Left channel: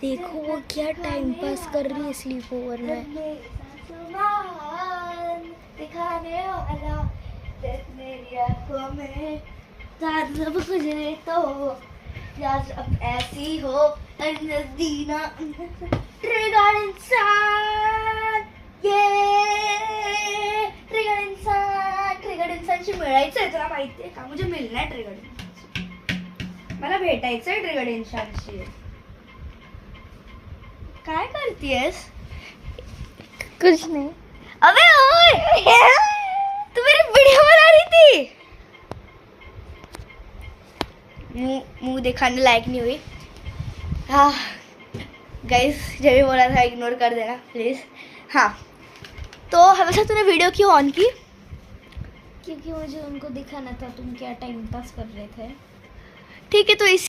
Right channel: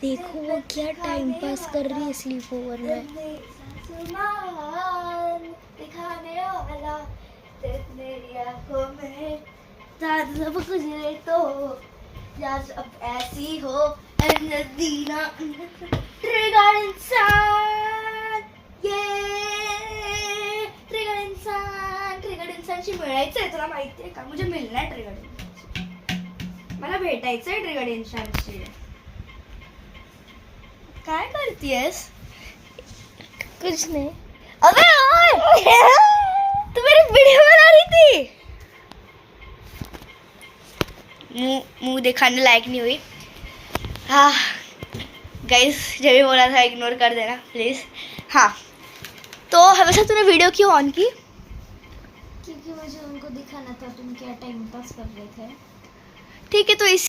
देखो वो क्या टाइम पास कर रही है स्लीप ओवर में। दिखाने वाला मेरी आंखों में सब कुछ है तो यार अब ऐसी हो दीना ट्रिगर इंसान ये ट्रिगर इंसानशी मिळायचंय तुला माहितीये का मुझे मिलना है ट्रिगर इंसानशी मला भेटायचंय ट्रिगर इंसानशी काय करतीयस कुछ नहीं। अबे ओए तू मेरी वीडियो बना रही थी। मुंह दिखाने लायक नहीं हुई। हाँ गाइस जब भी बोला था इग्नोर कर देना प्लीज। हाँ तो हमेशा तूने वीडियो क्यों ऑन की? क्योंकि मुझे उनको दिखाना था तुम क्या टाइम पास कर रहे थे। ठीक है तो इस